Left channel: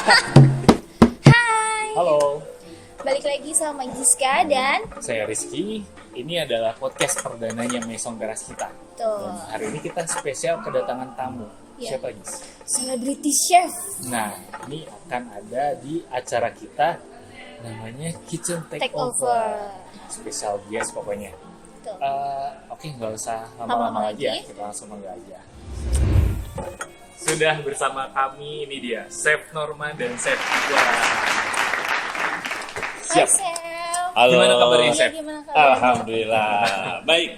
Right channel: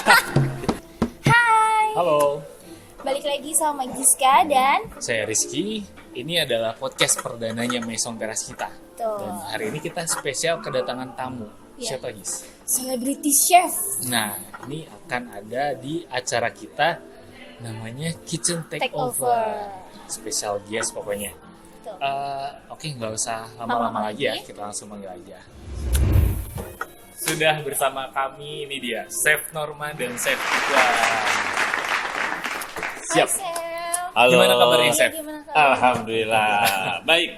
Hai, Halo, balik lagi sama Giska dan saya Rizky. Ini adalah podcast perdananya Maison Teras kita. tuh Dan hari ini kita spesial kedatangan tamu. Ya. Siapa, Gis? Celebrity Chef. Nah, ini akan ada di acara kita namanya Kitchen Take Takeover. over. Spesial guest pokoknya. Tuh. Oke, nggak usah Lama-lama lama-lama lagi ya. lagi. Kita langsung panggil aja. Sudah bersama kami, ini dia, Chef Norman dan Chef Iqbal. Hai Chef. Halo. Gimana kabarnya, Chef? Gimana kabarnya? Alhamdulillah. Baik.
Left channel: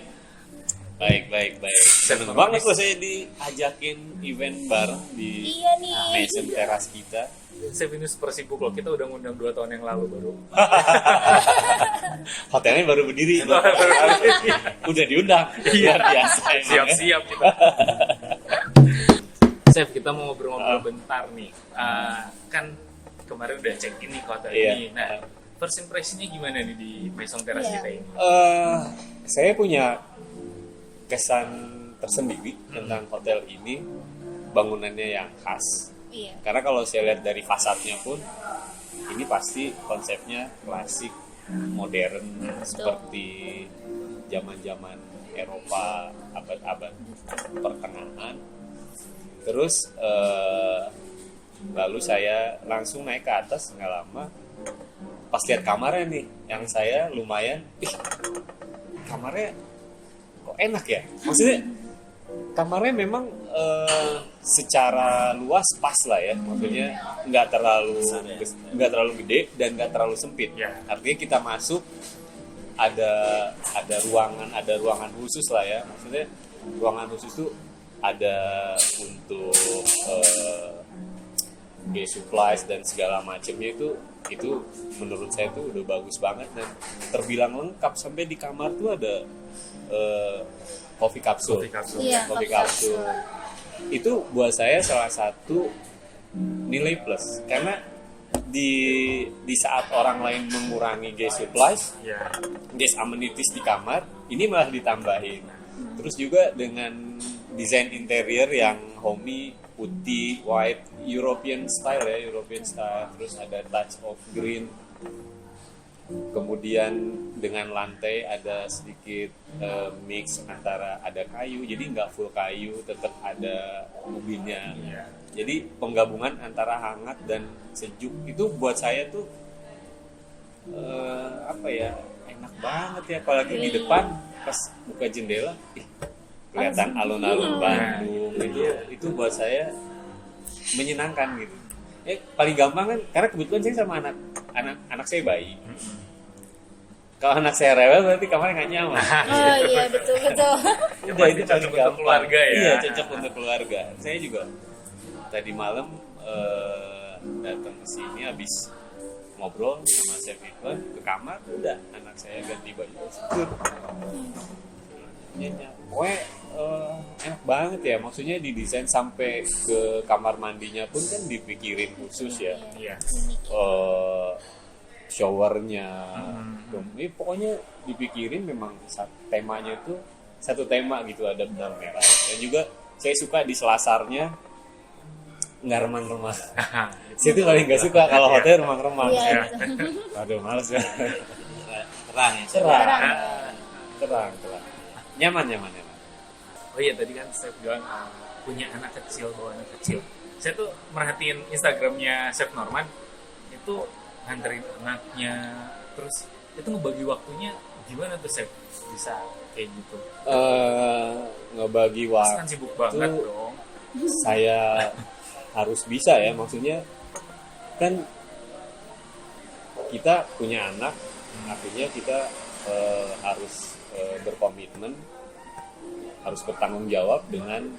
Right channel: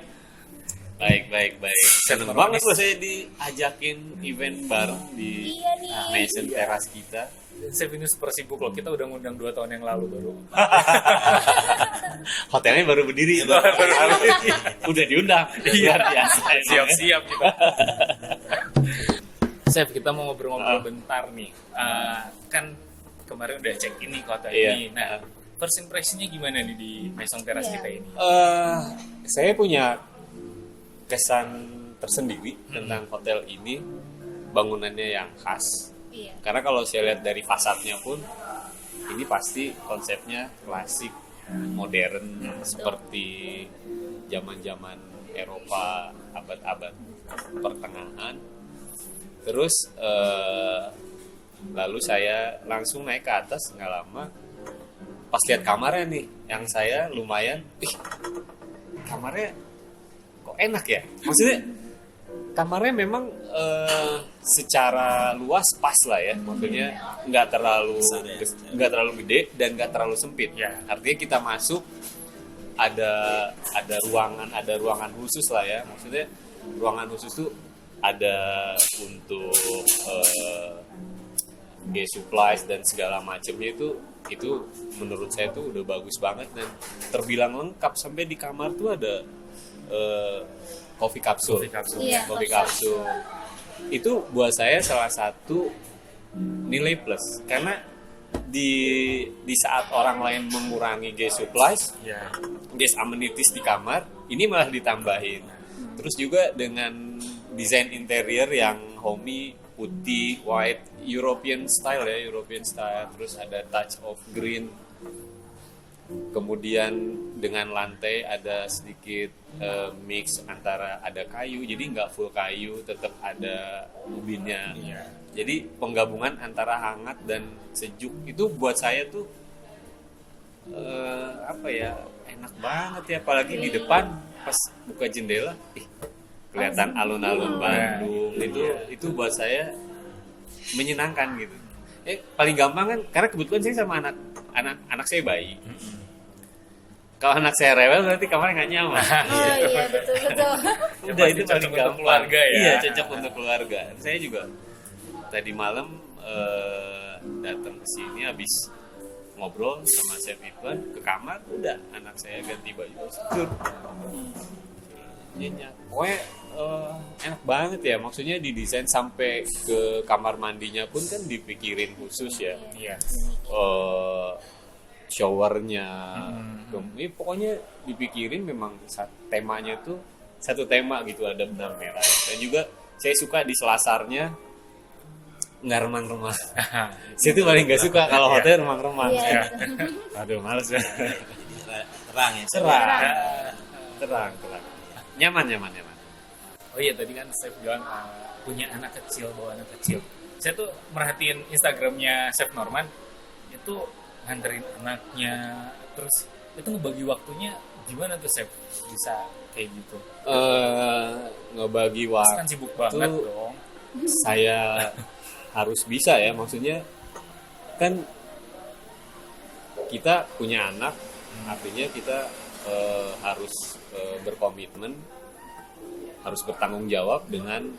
Seneng Chef banget Norman. loh saya diajakin event bareng di Iya nih. Maison Teras kita. Chef ini super sibuk loh, kita udah ngundang 2 tahun yang lalu baru. Hotelnya baru berdiri. Udah diundang. Iya. Luar biasa. Siap-siap kita. Chef, kita mau ngobrol-ngobrol bentar nih. Kan kemarin udah check in nih ke hotel Iya. ini. Nah, first impression-nya gimana nih di Maison Teras Iya. kita ini? Saya punya kesan tersendiri tentang hotel ini, bangunannya yang khas. Iya. Karena kalau saya lihat dari fasadnya pun, ini pasti konsepnya klasik, modern, seperti zaman-zaman Eropa abad-abad pertengahan. Terus lalu saya langsung naik ke atas, nggak lama pas lihat kamarnya nih, yang saya lumayan, kamarnya kok enak ya, maksudnya kamarnya memang secara luas pas lah ya, maksudnya nggak terlalu gede dan nggak terlalu sempit Ya. artinya kita masuk ada ruangan khusus lah ya, maksudnya ruangan khusus tuh ada untuk day supplies dan segala macamnya, itu menurut saya tuh udah bagus banget dan terbilang lengkap. Sampai di kamar tuh ada coffee capsule. Iya, Coffee capsule. Itu buat saya salah satu nilai plus, karena di saat orang lain mengurangi guest supplies, Ya. guest amenities di kamar, ini malah ditambahin. Terus juga dengan desain interior yang homey, putih, white, European style ya, European style. Terus ada touch of green. Kemudian dengan lantai ada sedikit mix antara ada kayu, jadi nggak full kayu, tetap ada ubinnya. Iya. Jadi penggabungan antara hangat dan sejuk itu buat saya tuh apa ya, enak banget ya, apalagi di depan pas buka jendela, kelihatan alun-alun Bandung. Itu buat saya menyenangkan gitu. Paling gampang kan, karena kebetulan saya sama anak saya bayi. Kalau anak saya rewel berarti kamarnya nggak nyaman. Oh iya, betul. Udah, itu cocok paling untuk gampang. keluarga ya. Iya, cocok untuk keluarga. Saya juga tadi malam datang ke sini habis ngobrol sama Chef Iqbal, ke kamar, udah anak saya ganti baju, tidur. Nyenyak. Pokoknya enak banget ya, maksudnya didesain sampai ke kamar mandinya pun kan dipikirin khusus ya. Iya. Showernya, ini pokoknya dipikirin, memang temanya tuh satu tema gitu, ada benang merah. Dan juga saya suka di selasarnya nggak remang-remang. Saya tuh paling nggak suka kalau hotel remang-remang. Iya. Aduh, males ya. Terang ya. Terang. Nyaman. Oh iya, tadi kan Chef bilang punya anak kecil, bawa anak kecil. Saya tuh merhatiin Instagramnya Chef Norman, itu nganterin anaknya, terus itu ngebagi waktunya gimana tuh Chef bisa kayak gitu? Ngebagi Pasti kan waktu sibuk banget dong. saya harus bisa ya, maksudnya kan kita punya anak, artinya kita harus berkomitmen, harus bertanggung jawab dengan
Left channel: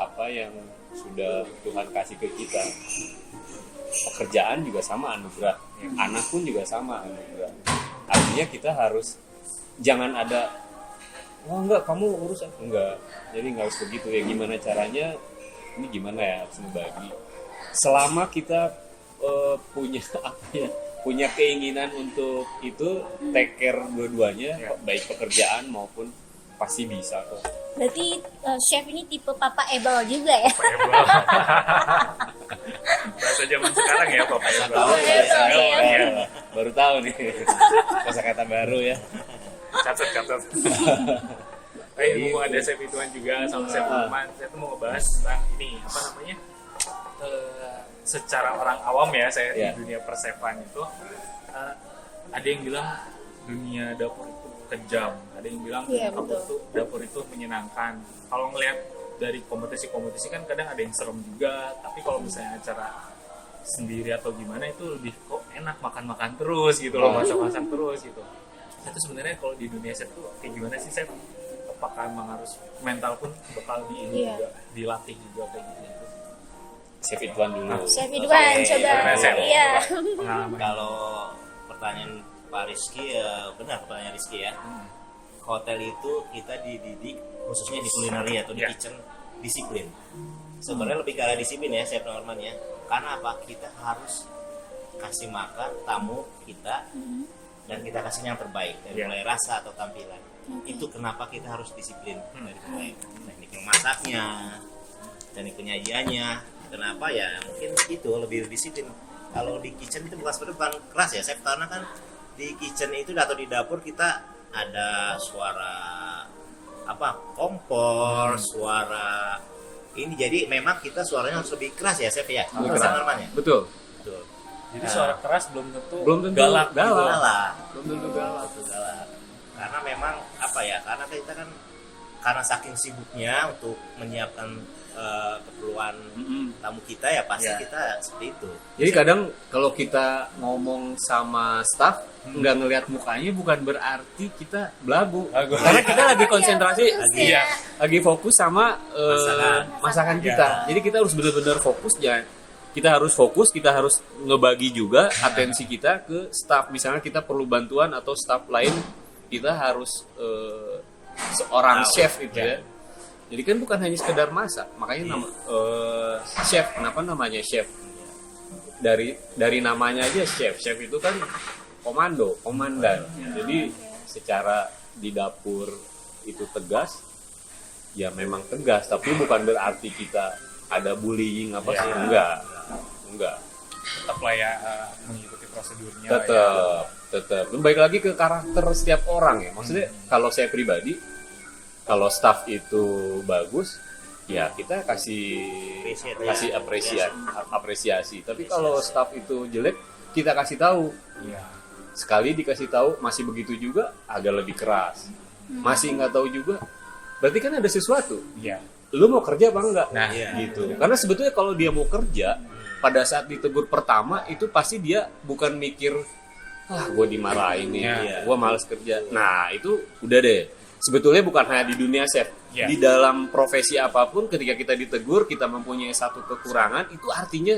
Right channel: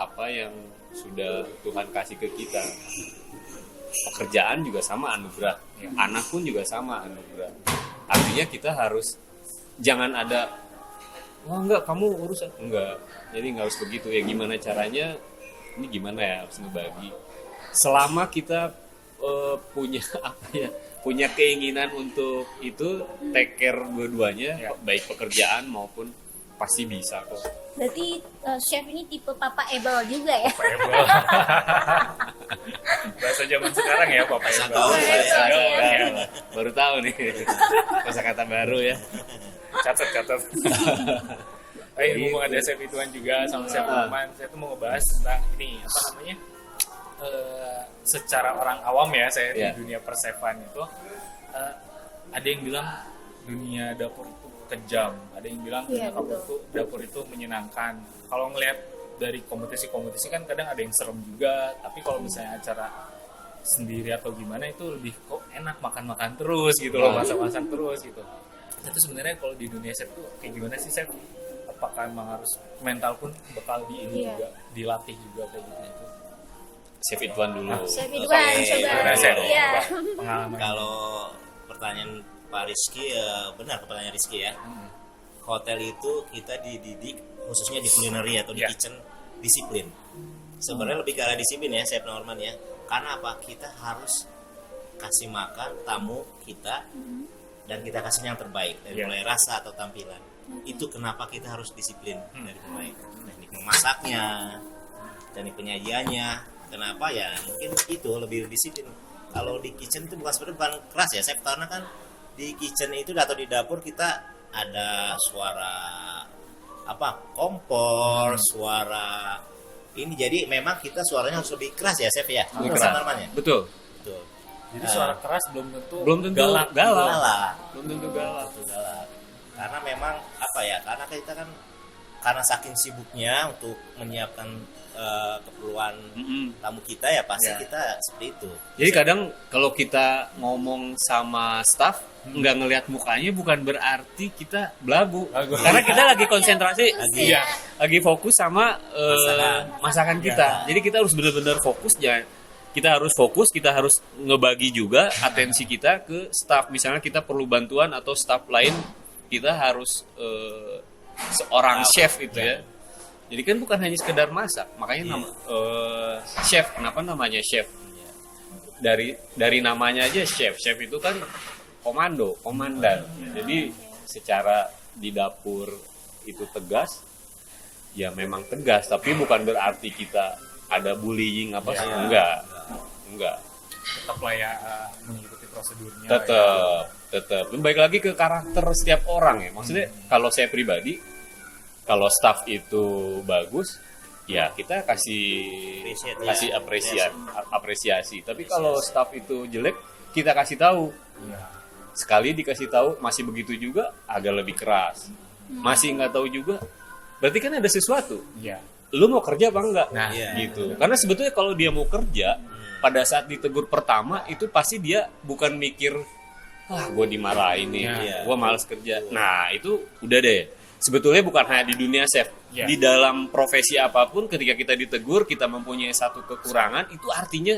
apa yang sudah Tuhan kasih ke kita. Pekerjaan juga sama anugerah, anak pun juga sama anugerah. Artinya kita harus, jangan ada, wah enggak kamu urus, enggak, jadi nggak harus begitu ya. Gimana caranya, ini gimana ya, harus ngebagi. Selama kita punya apa ya, punya keinginan untuk itu, take care dua-duanya, baik pekerjaan maupun pasti bisa kok. Berarti chef ini tipe Papa Ebel juga ya? Bahasa zaman sekarang ya Papa Ebel. Papa Ebel, ya. Iya. Baru tahu nih kosakata baru ya. Catat. Ngomong ada chef Ituan juga sama chef Lukman. Saya tuh mau ngebahas tentang ini apa namanya? Secara orang awam ya, saya di dunia persefan itu ada yang bilang dunia dapur itu kejam, ada yang bilang dapur itu menyenangkan. Kalau ngelihat dari kompetisi kan kadang ada yang serem juga, tapi kalau misalnya acara sendiri atau gimana itu lebih kok enak makan terus gitu loh, masak terus gitu. Itu sebenarnya kalau di dunia chef tuh kayak gimana sih chef? Apakah memang harus mental pun bakal juga dilatih juga kayak gitu? Chef Ituan dulu. Chef Ituan, coba. Iya. Kalau pertanyaan Pak Rizky ya benar pertanyaan Rizky ya. Hotel itu kita dididik khususnya di kulineri atau di kitchen disiplin. Sebenarnya lebih ke arah disiplin ya Chef Norman ya. Karena apa? Kita harus kasih makan tamu kita dan kita kasih yang terbaik dari mulai rasa atau tampilan. Itu kenapa kita harus disiplin dari mulai teknik memasaknya, teknik penyajiannya. Kenapa ya? Mungkin itu lebih disiplin. Kalau di kitchen itu bukan keras ya Chef, karena kan di kitchen itu atau di dapur kita ada suara kompor, suara ini, jadi memang kita suaranya harus lebih keras ya Chef ya. Lebih keras. Ya? Betul. Jadi suara keras belum tentu galak. Belum tentu galak. Karena memang karena kita kan karena saking sibuknya untuk menyiapkan keperluan tamu kita ya pasti kita seperti itu. Jadi kadang kalau kita ngomong sama staff nggak ngelihat mukanya bukan berarti kita belagu. Karena kita lagi konsentrasi, lagi fokus sama masakan kita. Jadi kita harus benar-benar fokus ya. Kita harus ngebagi juga atensi kita ke staff. Misalnya kita perlu bantuan atau staff lain, kita harus seorang chef itu ya. Jadi kan bukan hanya sekedar masak, makanya chef. Kenapa namanya chef? Dari namanya aja chef. Chef itu kan komandan. Jadi secara di dapur itu tegas, ya memang tegas. Tapi bukan berarti kita ada bullying apa sih? Enggak. Tetap lah ya mengikuti prosedurnya. Tetap. Baik lagi ke karakter setiap orang ya. Maksudnya kalau saya pribadi, kalau staff itu bagus, ya kita kasih apresiasi. Tapi kalau staff itu jelek, kita kasih tahu. Sekali dikasih tahu masih begitu juga, agak lebih keras. Masih nggak tahu juga, berarti kan ada sesuatu. Lu mau kerja apa enggak? Gitu. Karena sebetulnya kalau dia mau kerja, pada saat ditegur pertama itu pasti dia bukan mikir, gue dimarahin nih, gue males kerja. Nah itu udah deh. Sebetulnya bukan hanya di dunia chef, di dalam profesi apapun ketika kita ditegur, kita mempunyai satu kekurangan, itu artinya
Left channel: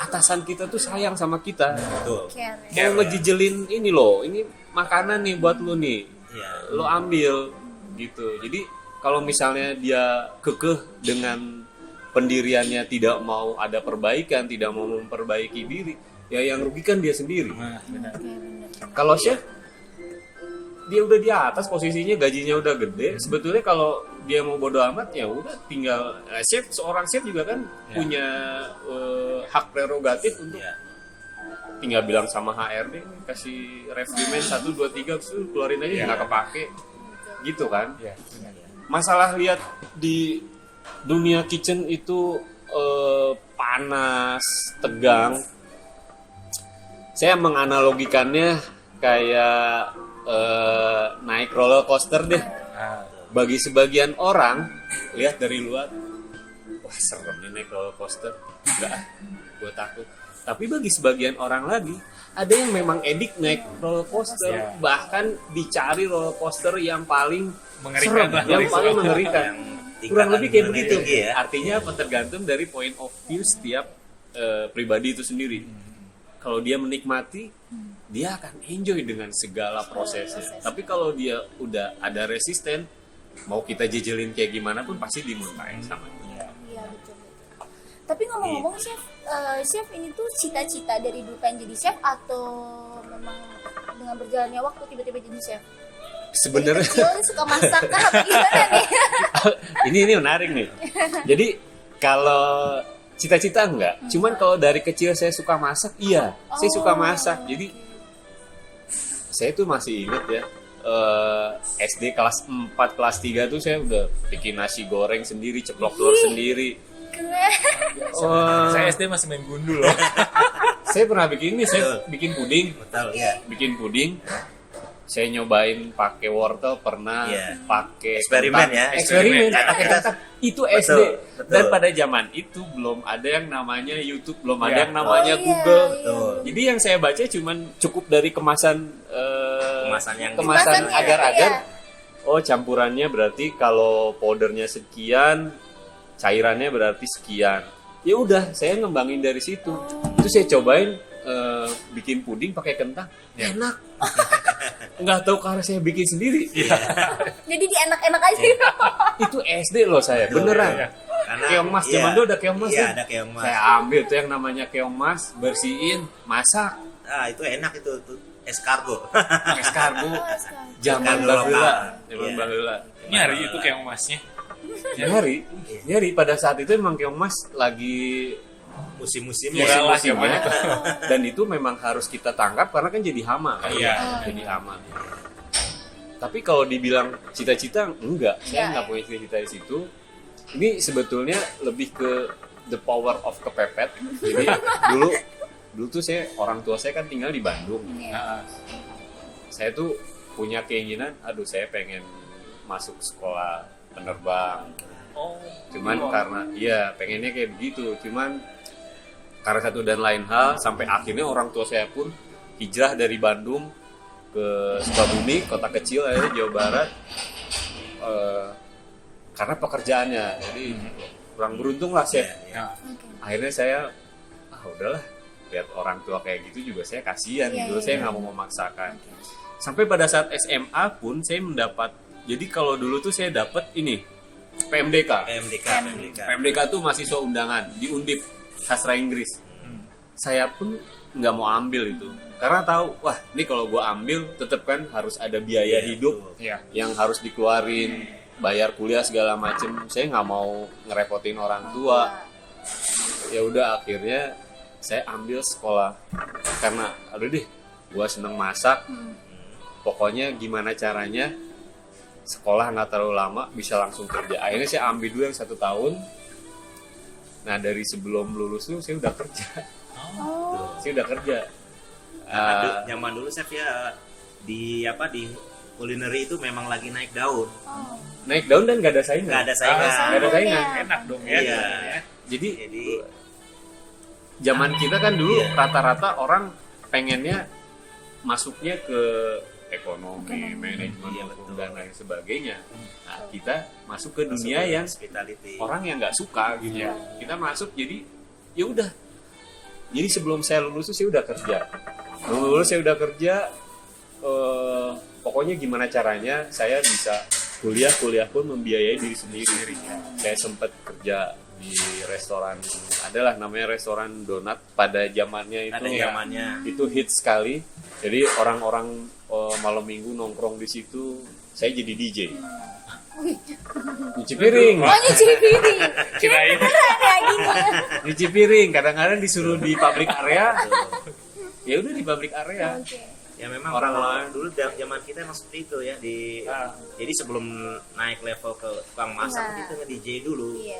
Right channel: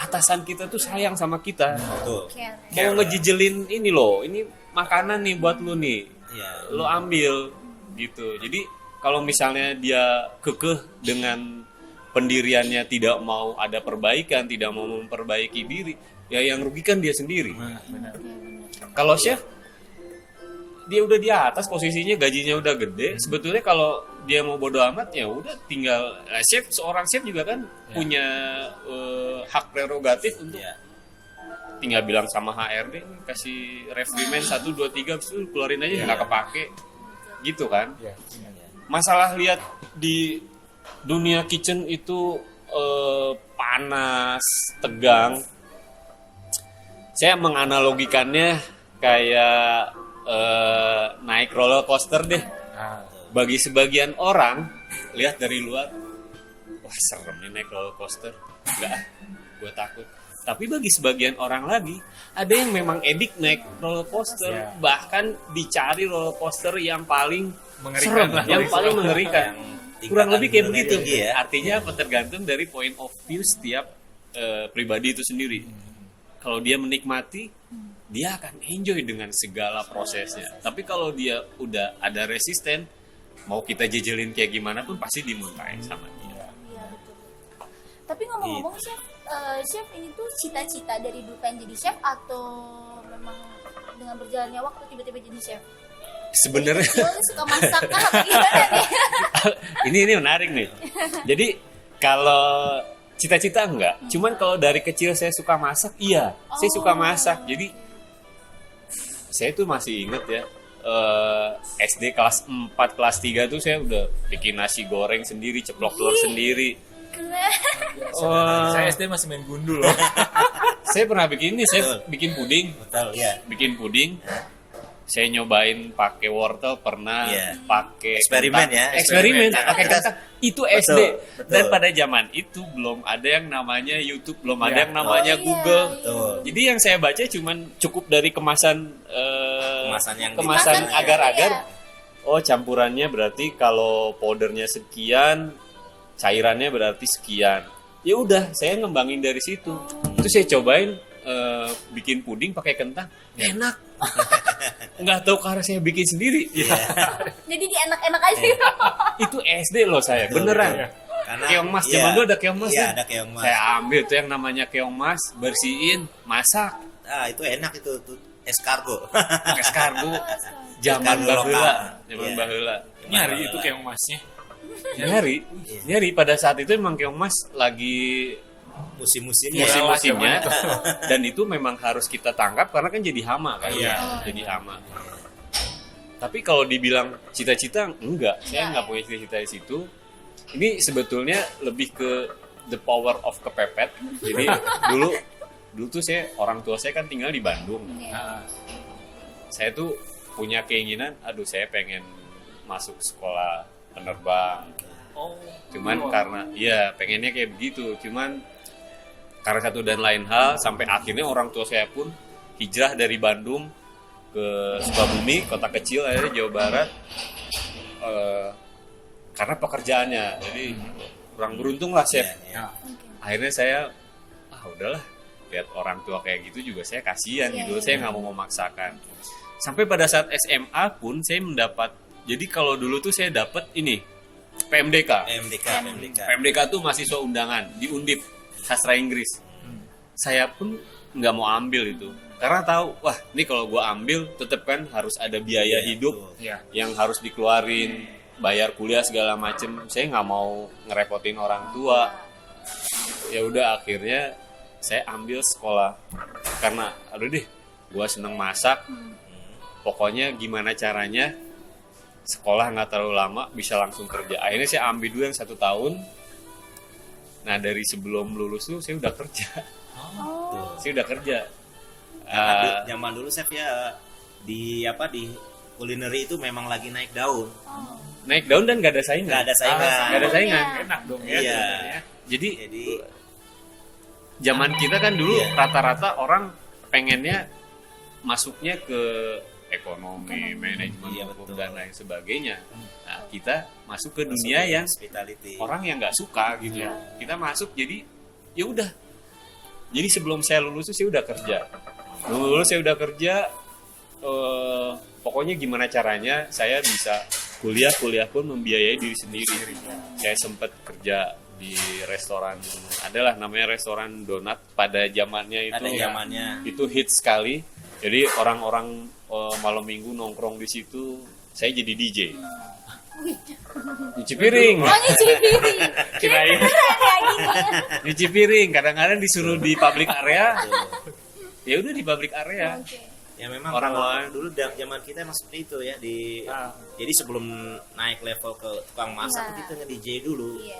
atasan kita tuh sayang sama kita. Mau ngejijelin ini loh, ini makanan nih buat lu nih, lo ambil gitu. Jadi kalau misalnya dia kekeh dengan pendiriannya, tidak mau ada perbaikan, tidak mau memperbaiki diri, ya yang rugikan dia sendiri. Kalau chef, dia udah di atas posisinya, gajinya udah gede. Sebetulnya kalau dia mau bodo amat ya udah tinggal seorang chef juga kan punya hak prerogatif untuk tinggal bilang sama HRD kasih refrimen 1 2 3 itu keluarin aja nggak kepake gitu kan. Masalah lihat di dunia kitchen itu panas, tegang. Saya menganalogikannya kayak naik roller coaster deh. Bagi sebagian orang lihat dari luar, wah serem nih naik roller coaster, enggak, gue takut. Tapi bagi sebagian orang lagi, ada yang memang edik naik roller coaster, bahkan dicari roller coaster yang paling mengerikan, yang paling mengerikan. Kurang lebih kayak begitu. Artinya tergantung dari point of view setiap pribadi itu sendiri. Kalau dia menikmati, dia akan enjoy dengan segala prosesnya. Tapi kalau dia udah ada resisten, mau kita jejelin kayak gimana pun pasti dimurkain sama dia. Iya betul. Tapi ngomong-ngomong chef ini tuh cita-cita dari dulu pengen jadi chef atau memang dengan berjalannya waktu tiba-tiba jadi chef? sebenarnya Kecil suka masak kah? Apa gimana nih? ini menarik nih. Jadi kalau cita-cita enggak, cuman kalau dari kecil saya suka masak, iya, saya suka masak. Jadi saya tuh masih inget ya, SD kelas 4, kelas 3 tuh saya udah bikin nasi goreng sendiri, ceplok telur sendiri. Keren. Saya SD masih main gundul loh. Saya pernah bikin ini, saya bikin puding. Betul ya. Bikin puding. Saya nyobain pakai wortel, pernah Iya. pakai Eksperimen kentang. ya, Eksperimen eksperimen. pakai Kita- kentang. Itu Betul, SD. betul. Dan pada zaman itu belum ada yang namanya YouTube, belum ada Iya. yang namanya Oh, iya, Google. iya. Betul. Jadi yang saya baca cuman cukup dari kemasan Kemasan yang kemasan Kemasannya, agar-agar. iya. Oh, campurannya berarti kalau powdernya sekian, cairannya berarti sekian. Ya udah, saya ngembangin dari situ. Itu saya cobain bikin puding pakai kentang, enak. Nggak tahu karena saya bikin sendiri. Jadi di enak-enak aja. Itu SD loh saya, beneran. Karena- Keong mas, iya. zaman dulu ada keong mas Iya, kan? ada keong mas. Saya ambil tuh yang namanya keong mas, bersihin, masak, Ah, itu enak itu tuh escargot. es karbo. Oh, Zaman Karbo baheula, lokal. zaman Iya. baheula. Nyari itu keong masnya. Nyari pada saat itu emang keong mas lagi Musim-musimnya. musim-musimnya, Iya. dan itu memang harus kita tangkap karena kan jadi hama kan, Iya. jadi hama. Tapi kalau dibilang cita-cita enggak, saya Enggak, nggak punya cita-cita di situ. Ini sebetulnya lebih ke the power of kepepet. Jadi dulu tuh orang tua saya kan tinggal di Bandung. Iya. Nah, Saya tuh punya keinginan, aduh saya pengen masuk sekolah penerbang. oh, Cuman karena iya pengennya kayak begitu, cuman karena satu dan lain hal sampai akhirnya orang tua saya pun hijrah dari Bandung ke Sukabumi, kota kecil akhirnya Jawa Barat, karena pekerjaannya. Jadi kurang beruntung lah chef. ya. Akhirnya saya udahlah, lihat orang tua kayak gitu juga saya kasihan Iya, gitu, iya, saya iya. nggak mau memaksakan. Sampai pada saat SMA pun saya mendapat, jadi kalau dulu tuh saya dapat ini PMDK. PMDK tuh mahasiswa undangan di Undip sastra Inggris. Saya pun nggak mau ambil itu karena tahu, wah ini kalau gue ambil tetap kan harus ada biaya hidup Iya. yang harus dikeluarin, bayar kuliah segala macem. Saya nggak mau ngerepotin orang tua. Ya udah akhirnya saya ambil sekolah karena aduh deh, gue seneng masak. Pokoknya gimana caranya sekolah nggak terlalu lama bisa langsung kerja. Akhirnya saya ambil dulu yang 1 tahun. Nah dari sebelum lulus tuh saya udah kerja. Oh. Saya udah kerja. Zaman dulu chef ya di culinary itu memang lagi naik daun. Naik daun dan gak ada saingan. Nggak ada saingan. Nggak ada saingan. Iya. Enak dong ya. Iya. Jadi Jadi zaman kita kan dulu Iya. rata-rata orang pengennya masuknya ke ekonomi, manajemen, Iya, hukum, betul. dan lain sebagainya. Nah kita masuk ke dunia yang hospitality. orang yang nggak suka gitu. Iya. Kita masuk jadi ya udah. Jadi sebelum saya lulus tuh saya udah kerja. Lulus saya udah kerja. Pokoknya gimana caranya saya bisa kuliah pun membiayai diri sendiri. Saya sempat kerja di restoran, adalah namanya restoran donat pada zamannya itu. Pada zamannya. Itu hits sekali. Jadi orang-orang malam minggu nongkrong di situ. Saya jadi DJ. Nyuci piring. Oh, nyuci piring. Kirain Kayak gini. nyuci piring. Kadang-kadang disuruh di public area. Ya udah di public area. Oke. Ya memang Orang kalau lain. dulu zaman kita emang seperti itu ya di jadi sebelum naik level ke tukang masak Nah. kita nge-DJ dulu. Iya,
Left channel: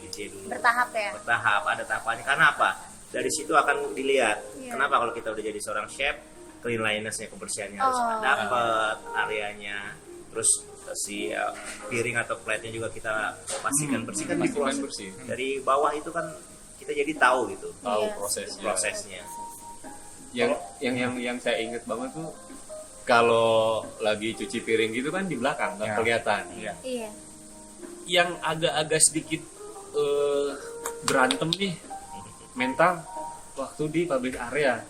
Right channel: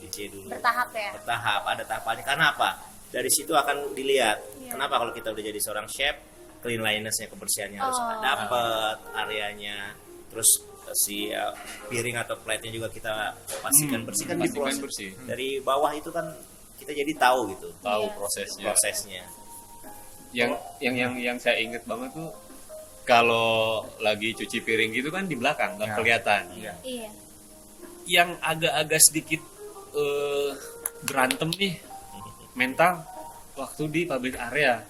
DJ dulu. bertahap ya. Bertahap, ada tahapannya. Karena apa? Dari situ akan dilihat. Iya. Kenapa kalau kita udah jadi seorang chef, cleanliness-nya, kebersihannya harus Oh. dapat, areanya. Terus si piring atau plate-nya juga kita pastikan bersih kan Pastikan diproses. bersih. Dari bawah itu kan kita jadi tahu gitu Tahu Iya. prosesnya. prosesnya. Yang saya inget banget tuh kalau lagi cuci piring gitu kan di belakang nggak Ya. kelihatan. Iya. Iya. Yang agak-agak sedikit berantem nih mental waktu di public area,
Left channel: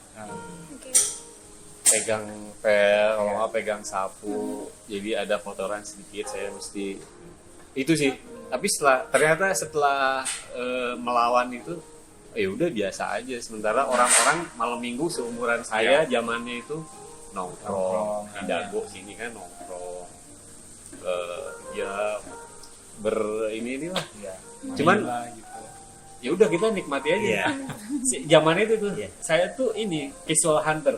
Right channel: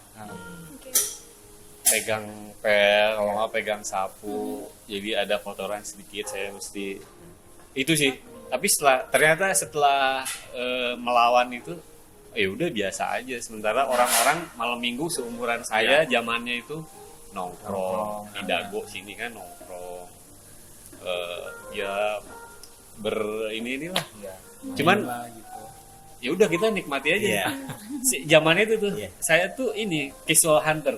Oke. pegang pel, kalau nggak pegang sapu, jadi ada kotoran sedikit, saya mesti itu sih. Tapi ternyata setelah melawan itu, ya udah biasa aja. Sementara orang-orang malam minggu seumuran saya zamannya itu nongkrong di Dago sini kan nongkrong. ya inilah. Ya, Cuman lah gitu. ya udah kita nikmati aja. Iya. Zaman itu tuh Iya. saya tuh ini casual hunter.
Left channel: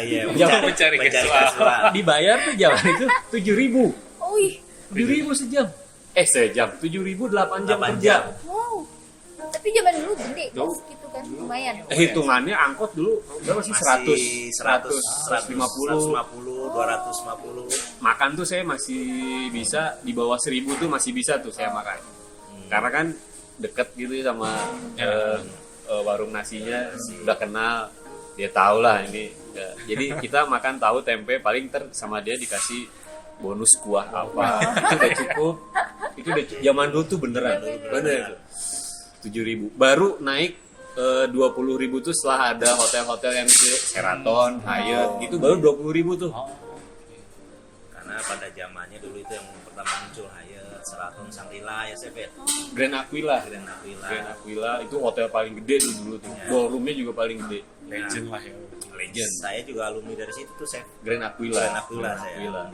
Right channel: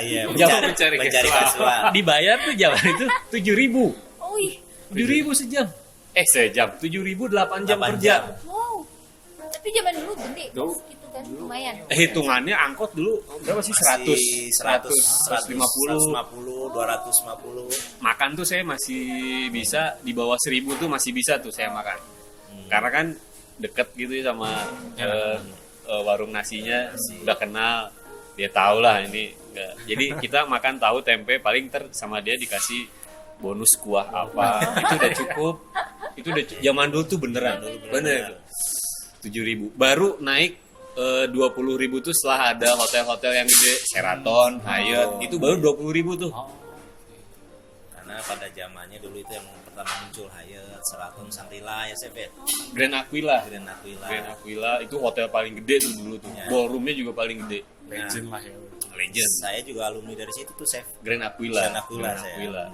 Iya, Jangan mencari mencari casual. casual. Dibayar tuh zaman itu 7.000. Oh, ih. 7.000 sejam. Sejam 7.000 8 jam 8 kerja. jam. Wow. Tapi zaman dulu gede, Tuh. Mas, gitu kan, lumayan. Hitungannya angkot dulu berapa sih? 100, 100, 150. 150, 250. Makan tuh saya masih bisa di bawah 1.000 tuh masih bisa tuh saya makan. Karena kan deket gitu ya sama warung nasinya, udah kenal, dia tahu lah ini. Ya. Jadi kita makan tahu tempe paling sama dia dikasih bonus kuah apa. Itu udah cukup. Itu udah zaman dulu tuh beneran itu. 7.000. Baru naik 20.000 tuh setelah ada hotel-hotel yang gede, Sheraton, Hyatt, itu baru 20.000 tuh. Karena pada zamannya dulu itu yang pertama muncul Hyatt, Sheraton, Shangri-La ya Chef ya. Grand Aquila. Grand Aquila. Grand Aquila itu hotel paling gede tuh dulu tuh. Ya. Ballroomnya juga paling gede. Legend lah ya. Legend. Saya juga alumni dari situ tuh Chef. Grand Aquila. Grand Aquila Grand saya. Aquila.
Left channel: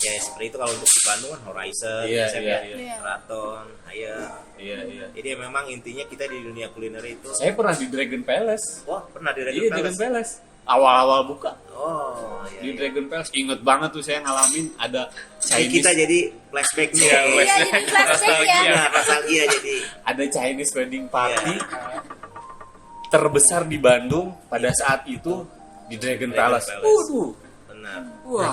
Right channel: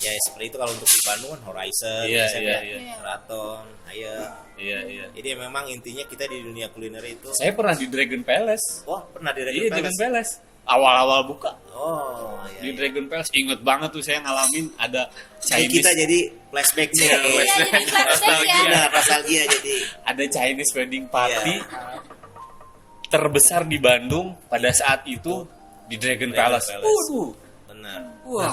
Ya seperti itu kalau untuk di Bandung kan Horizon, Iya, Chef, iya, ya. iya. Sheraton, Hyatt. Iya, iya. Jadi memang intinya kita di dunia kuliner itu. Saya pernah di Dragon Palace. Oh, pernah di Iya, Dragon Palace. Awal-awal buka Oh, iya. di iya. Dragon Palace. Ingat banget tuh saya ngalamin ada Jadi Chinese. kita jadi flashback nih. Iya, Iya, jadi flashback ya. Nah, nostalgia jadi. Ada Chinese wedding party Iya. terbesar di Bandung pada saat itu di Dragon Dragon Palace. Palace. Waduh, Benar. wah,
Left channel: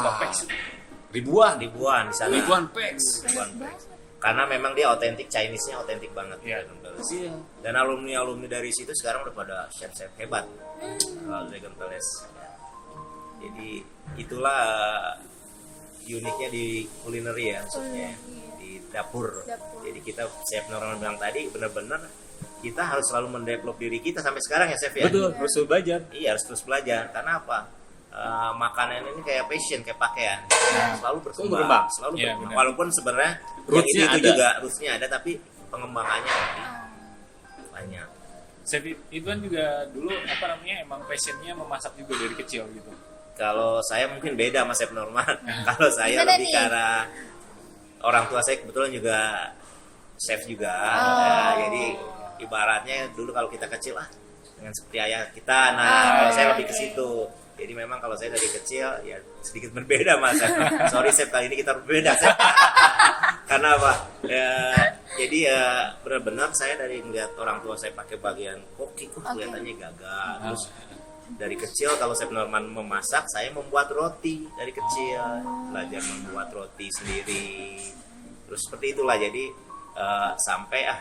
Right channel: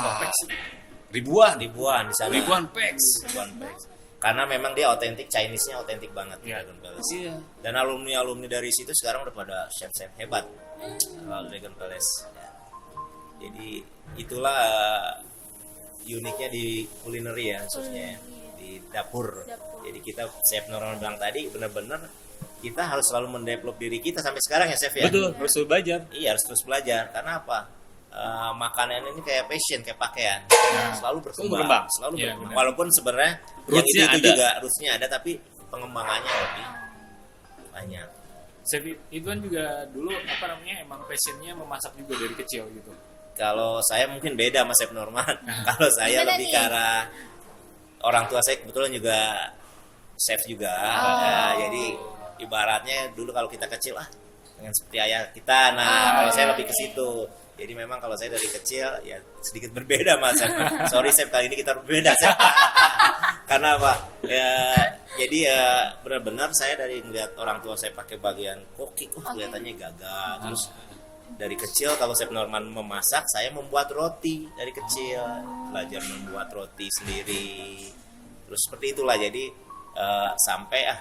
ribuan Ribuan di sana. ribuan packs. Ribuan packs. Karena memang dia otentik, Chinese-nya otentik banget. Iya. Dragon Palace. Iya. Dan alumni-alumni dari situ sekarang udah pada chef-chef hebat. Kalau Dragon Palace. Ya. Jadi itulah uniknya di culinary ya, maksudnya di dapur. Jadi kita chef Norman bilang tadi benar-benar kita harus selalu mendevelop diri kita sampai sekarang ya chef ya. Betul, harus belajar. Iya harus terus belajar. Karena apa? Makanan ini kayak fashion, kayak pakaian, selalu berkembang, berkembang. selalu Iya, berkembang. benar. Walaupun sebenarnya yang Roots-nya itu ada. juga roots-nya ada, tapi pengembangannya lebih banyak. Chef itu kan juga dulu apa namanya emang passionnya memasak juga dari kecil gitu. Kalau saya mungkin beda sama Chef Norman. Kalau saya Gimana lebih nih? karena orang tua saya kebetulan juga chef juga. Oh. Ya, jadi ibaratnya dulu kalau kita kecil dengan seperti ayah kita. Nah, kalau saya lebih ke situ. Jadi memang kalau saya dari kecil ya sedikit berbeda mas. Sorry Chef, kali ini kita berbeda Chef. Karena apa? Ya, jadi ya benar-benar saya dari melihat orang tua saya pakai bagian cooking, kelihatannya gagah. Terus dari kecil kalau Chef Norman memasak, saya membuat roti dari kecil, belajar membuat roti sendiri. Terus seperti itulah jadi sampai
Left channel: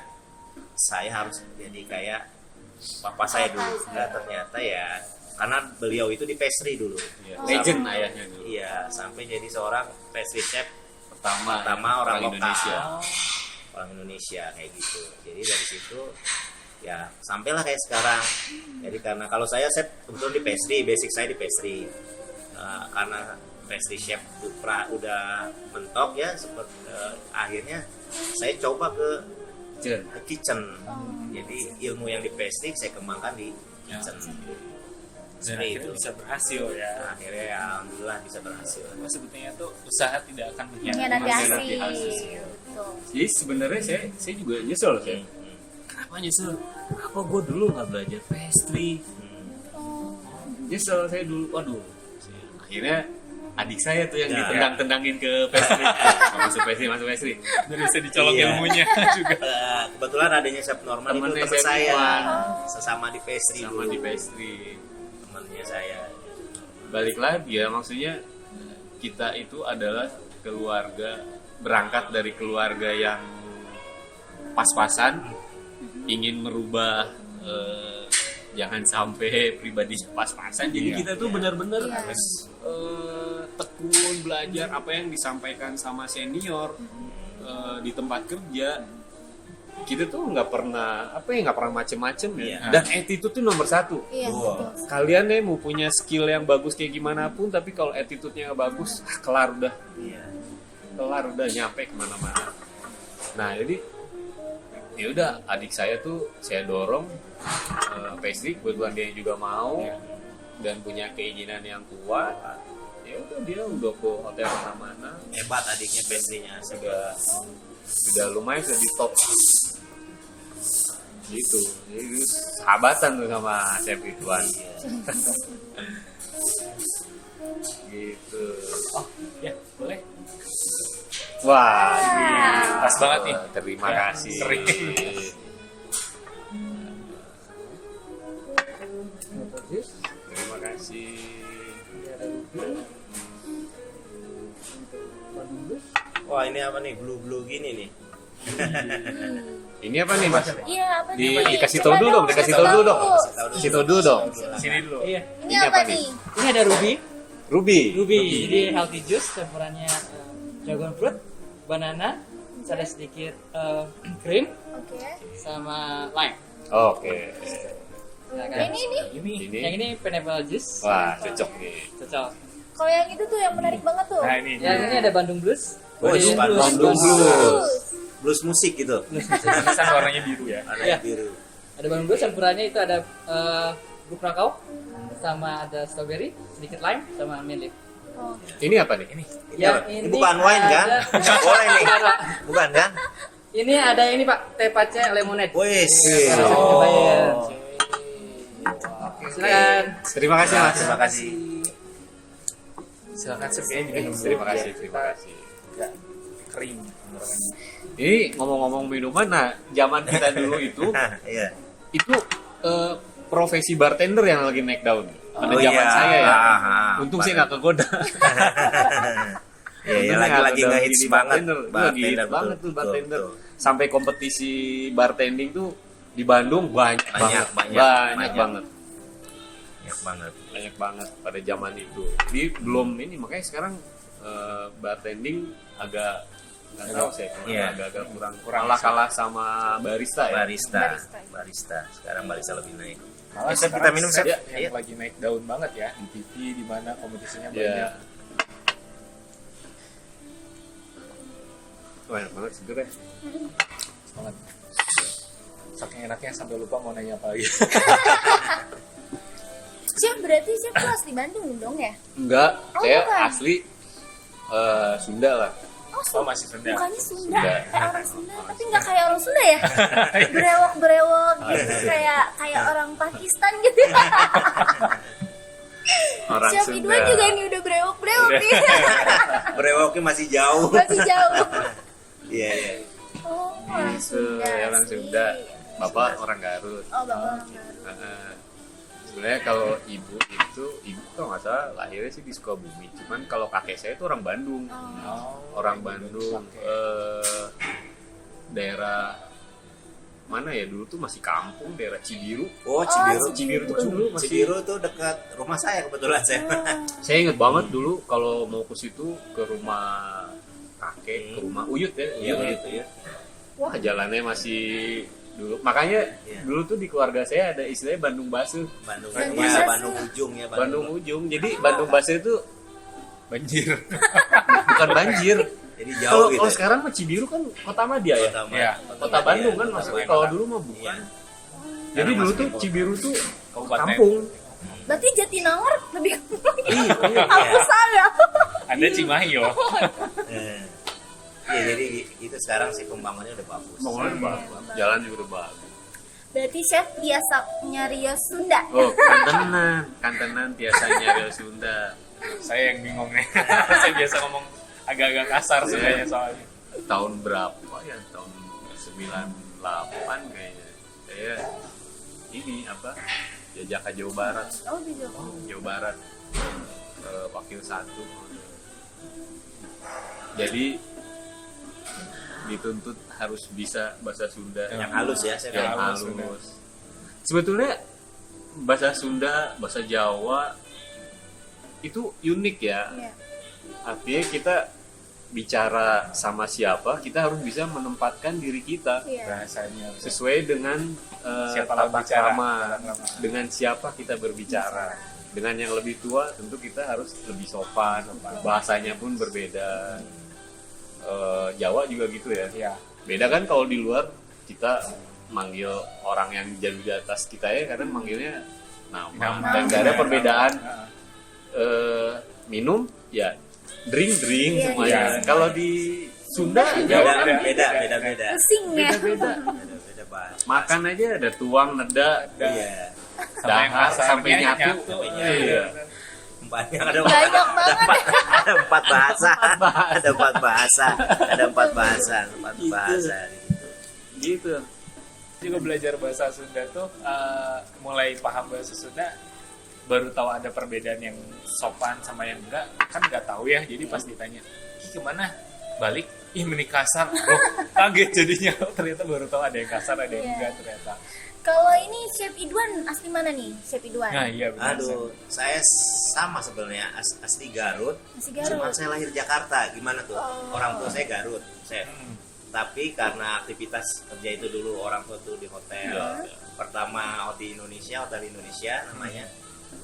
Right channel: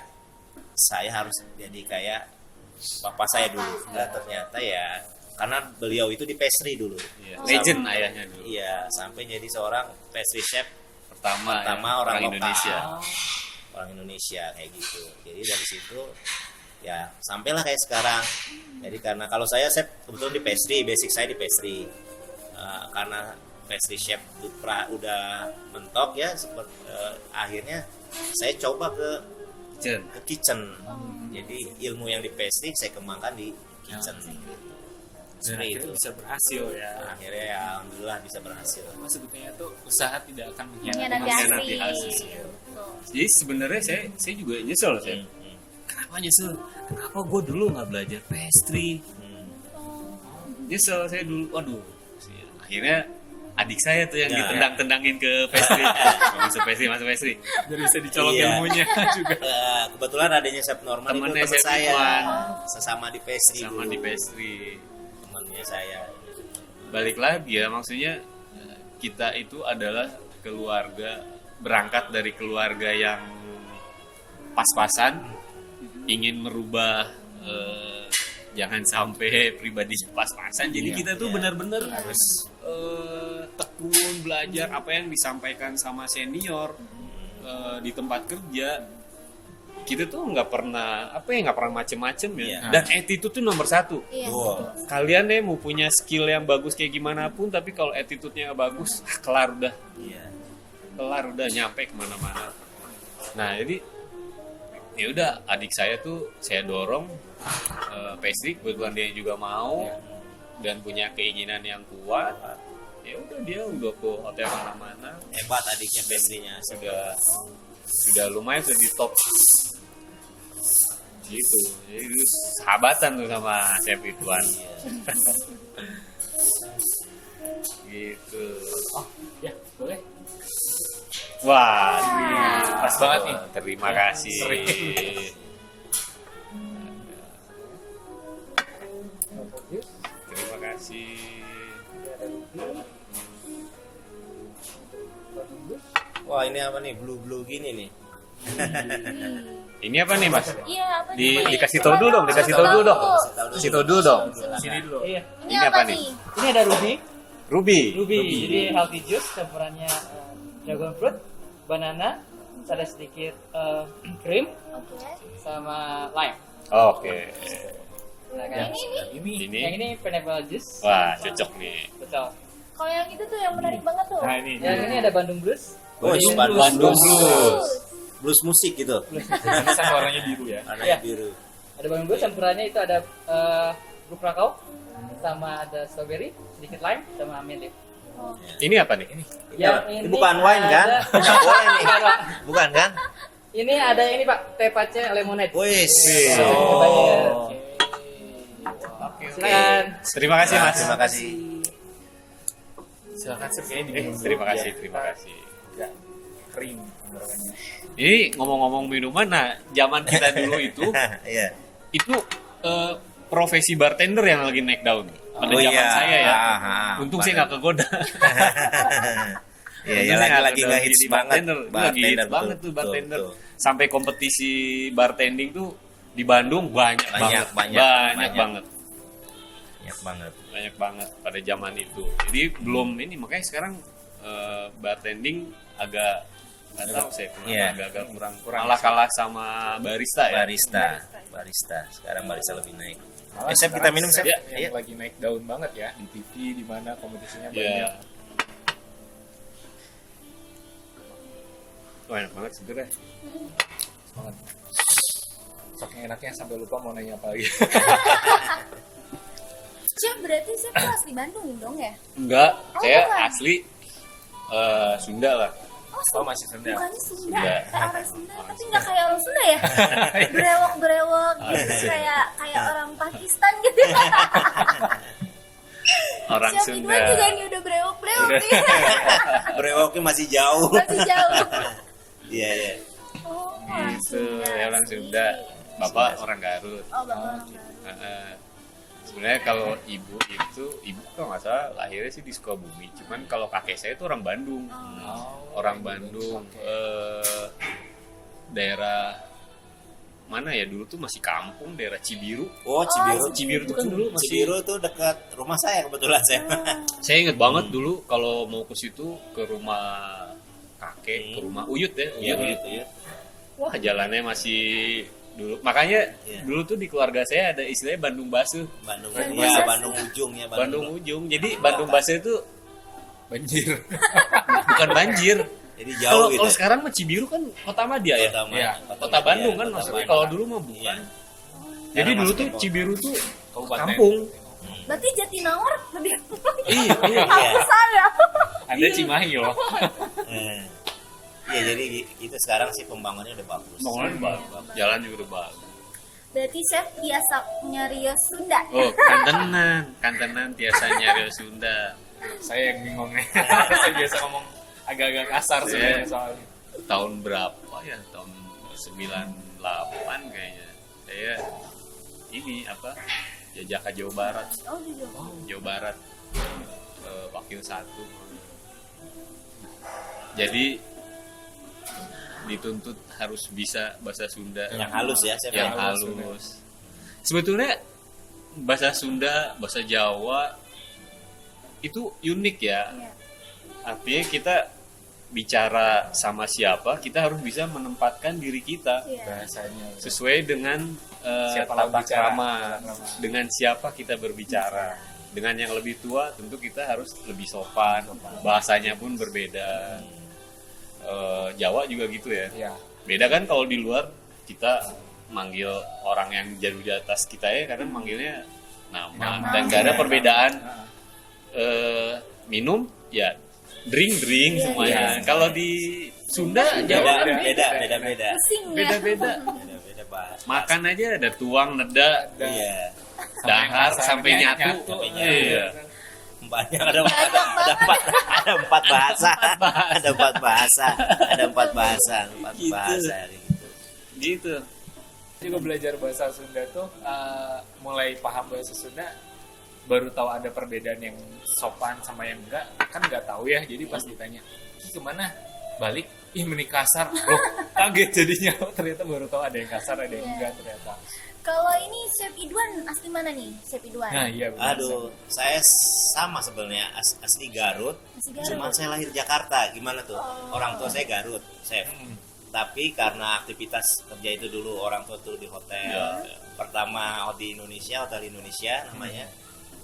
saya harus jadi kayak papa saya dulu. Nah, ternyata ya karena beliau itu di pastry dulu. Iya. Legend ayahnya dulu. Iya, sampai jadi seorang pastry chef Pertama orang lokal. Indonesia. Orang Indonesia kayak gitu. Jadi dari situ ya sampailah kayak sekarang. Jadi karena kalau saya chef kebetulan di pastry, basic saya di pastry. Karena pastry chef udah mentok ya, akhirnya saya coba ke kitchen. Jadi ilmu yang di pastry saya kembangkan di kitchen. Dan Seperti akhirnya itu. bisa berhasil ya. Akhirnya ya, alhamdulillah bisa berhasil. Apa sebetulnya tuh usaha tidak akan Mengkhianati mengkhianati hasil. hasil. Betul. Jadi sebenarnya saya juga nyesel saya. Kenapa nyesel? Kenapa gue dulu nggak belajar pastry? Nyesel saya dulu. Waduh. Akhirnya adik saya tuh yang ditendang-tendangin ke pastry. Masuk pastry. Jadi bisa dicolok Iya. ilmunya juga. Kebetulan adanya Chef Norman itu Temennya teman Chef saya, Norman. sesama di pastry Sama dulu. di pastry. Temannya saya. Balik lagi ya, maksudnya kita itu adalah keluarga, berangkat dari keluarga yang pas-pasan, ingin merubah jangan sampai pribadinya pas-pasan. Jadi Iya. kita tuh benar-benar Iya. harus tekun belajar apa yang disampaikan sama senior di tempat kerja. Kita tuh nggak pernah macem-macem ya. Iya. Dan attitude tuh nomor satu. Iya, Wow. betul. Kalian nih mau punya skill yang bagus kayak gimana pun, tapi kalau attitude-nya nggak bagus, kelar Iya. udah nyampe kemana-mana. Nah jadi ya udah, adik saya tuh saya dorong pastry, kebetulan dia juga mau dan punya keinginan yang kuat. ya udah dia udah ke hotel mana-mana, Hebat adiknya pastrinya. sudah lumayan, sudah di top gitu. Jadi dulu sahabatan tuh sama chef Ridwan gitu. Oh ya boleh. Wah, Pas banget nih. terima Ya, kasih. sering. Terima kasih. Wah ini apa nih, blue gini nih. Ini apa nih Mas? Iya, apa nih? Dikasih Coba tahu dulu dong, dong, dikasih kasih tahu dulu dong. tahu. Kasih tahu dulu dong. Sini dulu. Iya, Ini Ini apa apa nih? ini ada ruby. Ruby. Jadi healthy juice campurannya dragon fruit, banana, ada sedikit krim Oke. sama lime. Oke. Ya kan? Yang ini. Ini. Yang ini pineapple juice. Wah, cocok nih. Cocok. Kalau yang itu tuh yang menarik banget tuh. Nah ini. Yang ini ada Bandung Blues. Blues, Bandung Blues. Blues. Blues musik gitu. Tulisan warnanya biru ya. Warna Iya. biru. Ada Bandung Blues campurannya itu ada bubuk kakao sama ada strawberry, sedikit lime sama mint. Oh. Ini apa nih? Yang Ini bukan wine kan? ada- Boleh nih. Bukan, Pak. Bukan kan? Ini ada ini Pak, teh pace lemonade. Wis. Oh. Bayar. Silakan. Terima kasih Mas. Terima kasih. Silakan Chef kayaknya diminum dulu. Terima kasih, biar terima kita kasih. nggak kering tenggorokannya. Ini ngomong-ngomong minuman, nah zaman kita dulu itu Iya. profesi bartender yang lagi naik daun pada Oh, zaman iya. saya ya. Ah, Untung saya nggak kegoda. Iya, ya lagi ngehits banget. Lagi hits betul, banget tuh betul, bartender. betul. Sampai kompetisi bartending tuh di Bandung banyak Banyak, banget. banyak. Banget. Banyak banget. Banyak banget pada zaman itu. Jadi belum ini, makanya sekarang bartending agak nggak tahu saya kenapa Iya. agak kurang kalah sama barista ya. Barista. Sekarang barista lebih naik. Malah Chef, sekarang kita minum, chef Chef. yang Iya. lagi naik daun banget ya di TV di mana kompetisinya Iya. banyak. Wah, enak banget seger ya. Banget. Saking enaknya sampai lupa mau nanya apa lagi. Chef berarti Chef tuh asli Bandung dong ya? Enggak, Oh, saya bukan. asli Sunda lah. Oh, Oh masih Sunda. Mukanya Sunda, Sunda. kayak orang Sunda, tapi nggak kayak orang Sunda ya? Berewok gitu, kayak orang Pakistan gitu. Orang Chef Sunda. Ridwan juga ini udah berewok nih, Brewoknya masih jauh. masih jauh. Iya, iya. Oh, orang Gitu, Sunda. ya orang asli. Sunda. Bapak orang Garut. Oh, bapak orang Garut. Heeh. Sebenarnya kalau ibu kalau nggak salah lahirnya sih di Sukabumi. Cuman kalau kakek saya itu orang Bandung. Oh. Orang Bandung. Daerah mana ya dulu tuh masih kampung, daerah Cibiru. Oh, Cibiru. Cibiru tuh kan dulu masih. Cibiru tuh dekat rumah saya kebetulan saya. Saya inget banget dulu kalau mau ke situ ke rumah kakek, ke rumah Uyut ya. Iya, Uyut. gitu ya. Wah, jalannya masih dulu. Makanya Iya. dulu tuh di keluarga saya ada istilahnya Bandung Basuh. Bandung, Bandung ya, Basuh. Bandung ujung ya, Bandung ujung. Jadi Bandung Basuh itu Banjir. bukan banjir. Jadi Kalau jauh gitu. kalau sekarang mah Cibiru kan kota Madia ya. Iya. Kota Bandung kan maksudnya. Kalau dulu mah bukan. Iya. Jadi Sekarang dulu masih tuh kota. Cibiru tuh Kabupaten. kampung. Berarti Jatinangor lebih kampung lagi. Iya, iya. Hampusan ya. Ada Cimahi loh. Ya jadi itu sekarang sih pembangunannya udah bagus. Bangunan bagus. Jalan juga udah bagus. Berarti Chef biasa nyari Sunda. Oh, kantenan biasanya Rio Sunda. Saya yang bingung nih. Saya biasa ngomong agak-agak kasar Iya. sebenarnya soalnya. Tahun berapa ya? Tahun 98 kayaknya. Saya ini apa? Jajak ke Jawa Barat. Oh, jujur. Jawa Barat Wakil 1. Jadi dituntut harus bisa bahasa Sunda Yang halus ya, saya yang halus, halus. Sebetulnya bahasa Sunda, bahasa Jawa itu unik ya. Iya. Artinya kita bicara sama siapa, kita harus bisa menempatkan diri kita Iya. Bahasanya. sesuai dengan Siapa lawan tata bicara, krama, tata krama. dengan siapa kita berbicara. Dengan yang lebih tua tentu kita harus lebih sopan, bahasanya pun berbeda. Jawa juga gitu ya. Iya. Beda kan kalau di luar kita manggil orang yang jauh di atas kita ya karena manggilnya nama, Nama. dan gak ada perbedaan Heeh. minum ya drink Iya, semuanya. iya. Kalau di Sunda jauh beda Pusing ya. beda-beda. beda banget. Makan aja ada tuang, neda, Iya. dahar sampai nyatu. Iya. Banyak ada Banyak banget. ada 4 bahasa. Ada 4 bahasa. Ada 4 bahasa. 4 Gitu. bahasa gitu. Gitu. Juga belajar bahasa Sunda tuh mulai paham bahasa Sunda baru tahu ada perbedaan yang sopan sama yang enggak, kan nggak tahu ya. Jadi pas ditanya "Ki, kemana balik ih meni kasar." Loh, kaget jadinya. Ternyata baru tahu ada yang kasar ada yang Iya. enggak ternyata. Kalau ini Chef Idwan asli mana nih? Chef Idwan. Nah iya benar. Aduh, saya sama sebenarnya asli Garut. Masih Garut. Cuman saya lahir Jakarta. Gimana tuh? Oh. Orang tua saya Garut, chef. Hmm. Tapi karena aktivitas kerja itu dulu orang tua tuh di hotel. Pertama di Indonesia, hotel Indonesia namanya.